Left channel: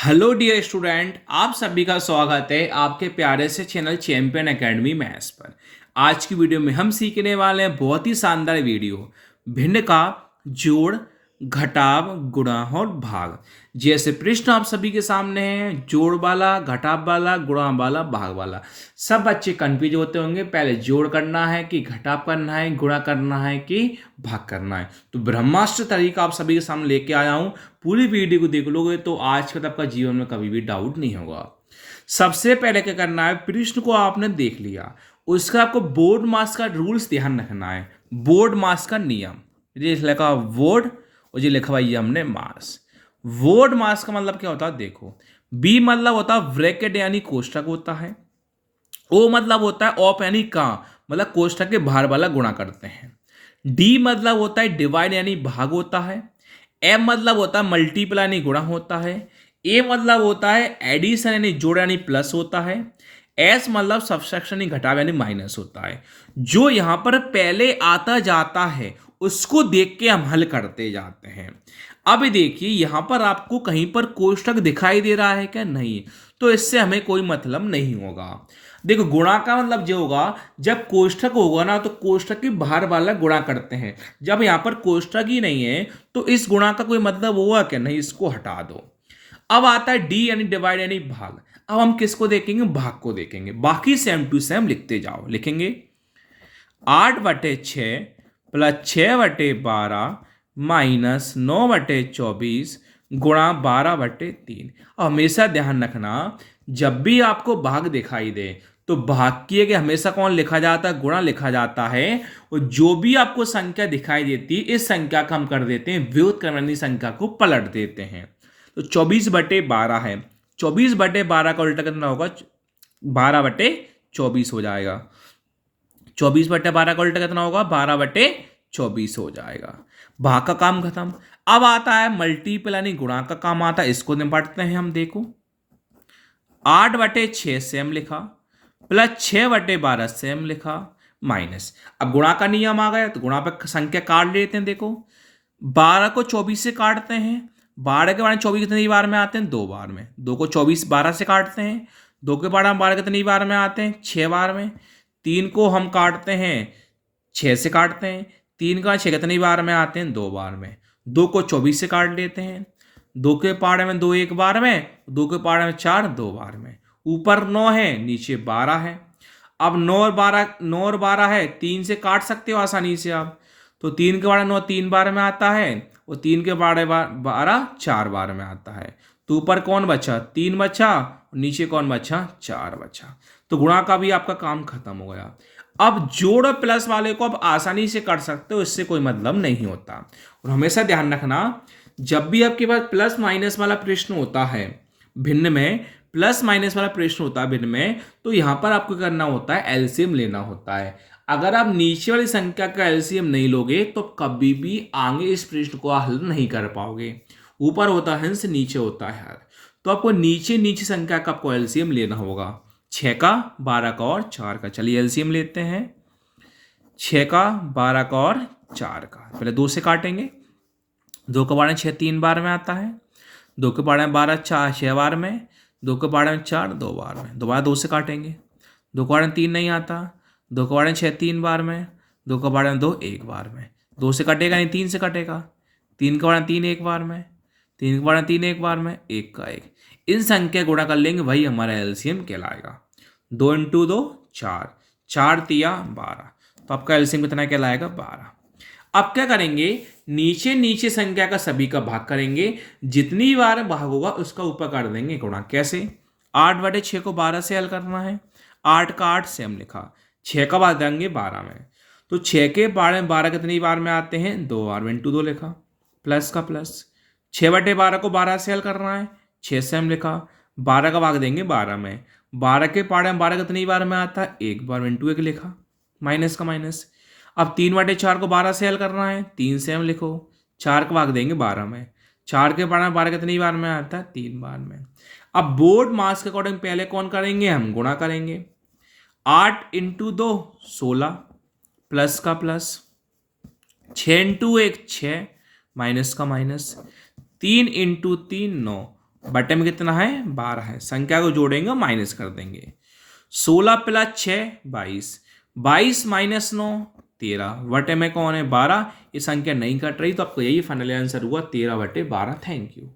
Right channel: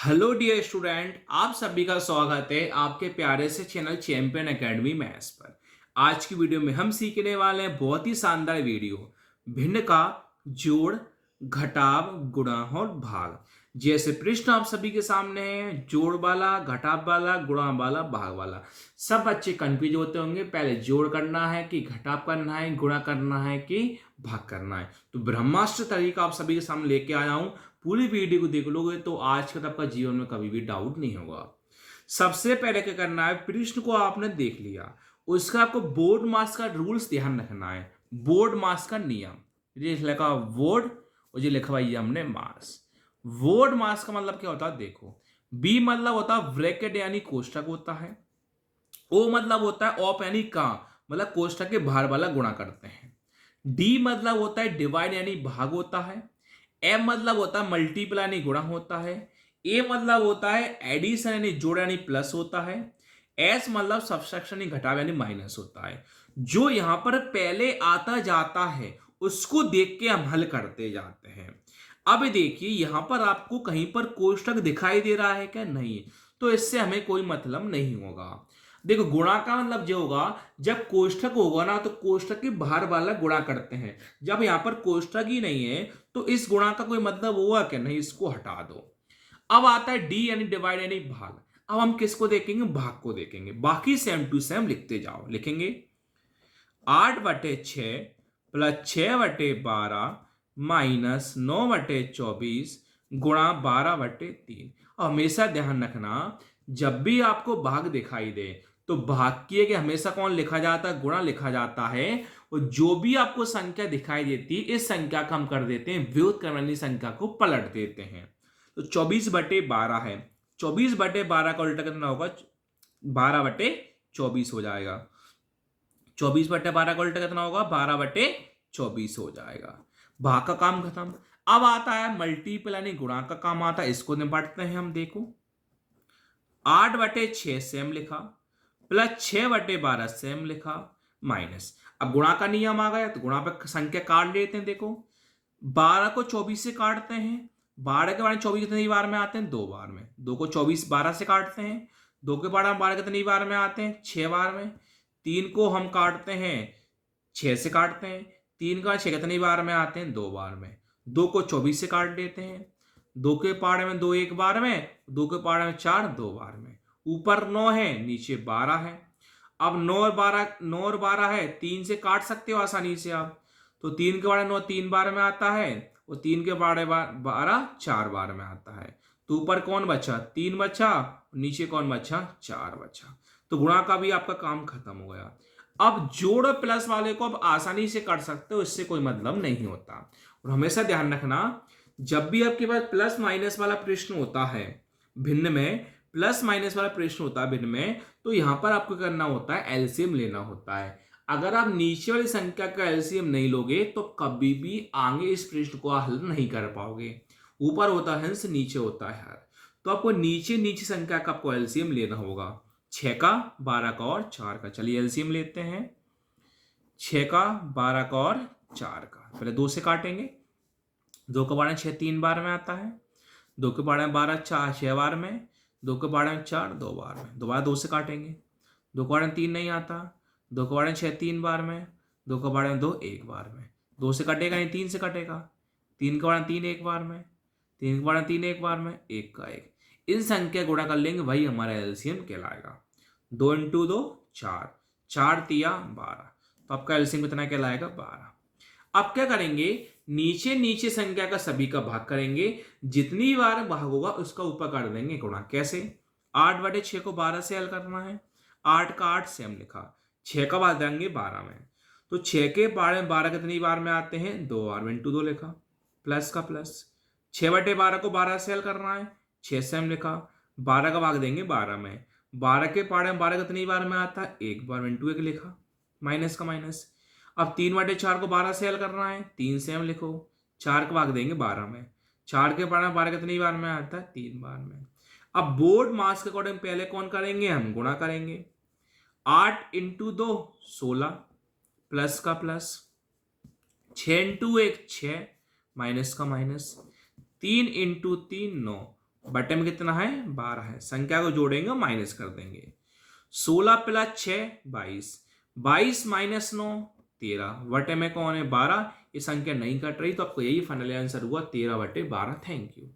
Hello dear student, आप सभी का स्वागत है आपके प्यारे से चैनल चैंपियन एकेडमी मैथ्स पर। आज की वीडियो में हम सीखने वाले हैं बहुत ही शानदार वीडियो, भिन्न का जोड़, घटाव, गुणा और भाग। जैसे प्रश्न आप सभी के सामने है, जोड़ वाला, घटाव वाला, गुणा वाला, भाग वाला। सब बच्चे कंफ्यूज होते होंगे, पहले जोड़ करना है कि घटाव करना है, गुणा करना है कि भाग करना है। तो ब्रह्मास्त्र तरीका आप सभी के सामने लेके आया हूं। पूरी वीडियो को देख लोगे तो आज के तक आपका जीवन में कभी भी डाउट नहीं होगा। सबसे पहले क्या करना है, प्रश्न को आपने देख लिया, उसका आपको बोर्ड मास का रूल्स ध्यान रखना है। बोर्ड मास का नियम, ये लिखा बोर्ड और ये लिखा हुआ ये हमने मास। बोर्ड मास का मतलब क्या होता है, देखो। बी मतलब होता है ब्रैकेट यानी कोष्टक होता है। ओ मतलब होता है ऑफ यानी का, मतलब कोष्टक के बाहर वाला गुणा करते हैं। डी मतलब होता है डिवाइड यानी भाग होता है। एम मतलब होता है मल्टीप्लाई यानी गुणा होता है। ए मतलब होता है एडिशन यानी जोड़ यानी प्लस होता है। एस मतलब सब्सट्रैक्शन यानी घटाव यानी माइनस होता है। जो यहां पर पहले आता जाता है उसको देख के हम हल करते जाते हैं। अब देखिए यहां पर आपको कहीं पर कोष्टक दिखाई दे रहा है क्या, नहीं, तो इससे हमें कोई मतलब नहीं होगा। देखो गुणा का मतलब जो होगा, जब कोष्ठक होगा ना तो कोष्ठक के बाहर वाला गुणा करते हैं। जब यहां पर कोष्ठक ही नहीं है तो इस गुणा का कोई मतलब हुआ क्या, नहीं, इसको हटा दो। अब आता है डी यानी डिवाइड यानी भाग। अब हम किसको देखेंगे, भाग को देखेंगे। बाकी सेम टू सेम लिखते जाओ, लिखेंगे 8/6 प्लस 6/12 माइनस 9/24 गुणा 12/3। अब हमेशा ध्यान रखना, जब भी आपको भाग दिखाई दे तो भाग की के हमेशा कौन लिखा जाता है, गुणा लिखा जाता है। और जो भी आपको संख्या दिखाई देती है इस संख्या का हम कर देते हैं व्युत्क्रमणी संख्या को पलट देते हैं। तो 24/12 है, 24/12 का उल्टा कितना होगा, 12/24 हो जाएगा। 24/12 का उल्टा कितना होगा, 12/24 हो जाएगा। भाग का काम खत्म। अब आता है मल्टीपल यानी गुणा का काम आता है, इसको निपटते हैं हम। देखो 8/6 सेम लिखा, प्लस 6/12 सेम लिखा, माइनस। अब गुणा का नियम आ गया तो गुणा पर संख्या काट लेते हैं। देखो 12 को 24 से काटते हैं, 12 के 24 कितनी बार में आते हैं, 2 बार में। 2 को 24 12 से काटते हैं, 2 के 12 कितनी बार में आते हैं, 6 बार में। 3 को हम काटते हैं, 6 से काटते हैं, 3 का 6 कितनी बार में आते हैं, 2 बार में। 2 को 24 से काट लेते हैं, 2 के पाड़े में 2 एक बार में, 2 के पाड़े में 4 2 बार में। ऊपर 9 है, नीचे 12 है। अब 9 और 12 है, 3 से काट सकते हो आसानी से आप। तो 3 के बारे 9 3 बार में आता है, और 3 के बारे 12 4 बार में आता है। तो ऊपर कौन बचा, 3 बचा, नीचे कौन बचा, 4 बचा। तो गुणा का भी आपका काम खत्म हो गया। अब जोड़ और प्लस वाले को अब आसानी से कर सकते हो, इससे कोई मतलब नहीं होता। और हमेशा ध्यान रखना, जब भी आपके पास प्लस माइनस वाला प्रश्न होता है भिन्न में, प्लस माइनस वाला प्रश्न होता है भिन्न में, तो यहां पर आपको करना होता है एलसीएम लेना होता है। अगर आप नीचे वाली संख्या का एलसीएम नहीं लोगे तो कभी भी आगे इस प्रश्न को हल नहीं कर पाओगे। ऊपर होता है हंस, नीचे होता है हर। तो आपको नीचे नीचे संख्या का आपको एलसीएम लेना होगा। 6 का, 12 का और 4 का। चलिए एलसीएम लेते हैं। 6 का, 12 का और 4 का। पहले 2 से काटेंगे, 2 के बारे में 6 3 बार में आता है, 2 के बारे में 12 4 6 बार में, 2 के बारे में 4 2 बार में। दोबारा 2 से काटेंगे, 2 के बारे में 3 नहीं आता, 2 के बारे में 6 3 बार में, 2 के बारे में 2 एक बार में। 2 से कटेगा नहीं, 3 से कटेगा। 3 के बारे में 3 एक बार में, 3 के बारे में 3 एक बार में, एक का एक। इन संख्या गुणा कर लेंगे, वही हमारा एलसीएम कहलाएगा। 2 × 2 4, 4 × 3 12। तो आपका एलसीएम कितना कहलाएगा, 12। अब क्या करेंगे, नीचे नीचे संख्या का सभी का भाग करेंगे, जितनी बार भाग होगा उसका ऊपर कर देंगे गुणा। कैसे, 8/6 को 12 से हल करना है, 8 का 8 सेम लिखा, 6 का भाग देंगे 12 में। तो 6 के बारे में 12 कितनी बार में आते हैं, 2 बार में, इंटू 2 लिखा, प्लस का प्लस। 6/12 को 12 से हल करना है, 6 सेम लिखा, 12 का भाग देंगे 12 में। 12 के पाड़े में 12 कितनी बार में आता है, एक बार में, इंटू 1 लिखा, माइनस का माइनस। अब 3/4 को 12 से हल करना है, 3 से हम लिखो, 4 का भाग देंगे 12 में। 4 के बारे में 12 कितनी बार में आता है, 3 बार में। अब बोर्ड मास के अकॉर्डिंग पहले कौन करेंगे, हम गुणा करेंगे। 8 × 2 16, प्लस का प्लस। 6 × 1 6, माइनस का माइनस। 3 × 3 9, बटे में कितना है 12 है, संख्या को जोड़ेंगे माइनस कर देंगे। 16 प्लस 6 22, 22 माइनस 9 13, बटे में कौन है 12, ये संख्या नहीं कट रही तो आपको यही फाइनल आंसर हुआ 13/12। Thank you.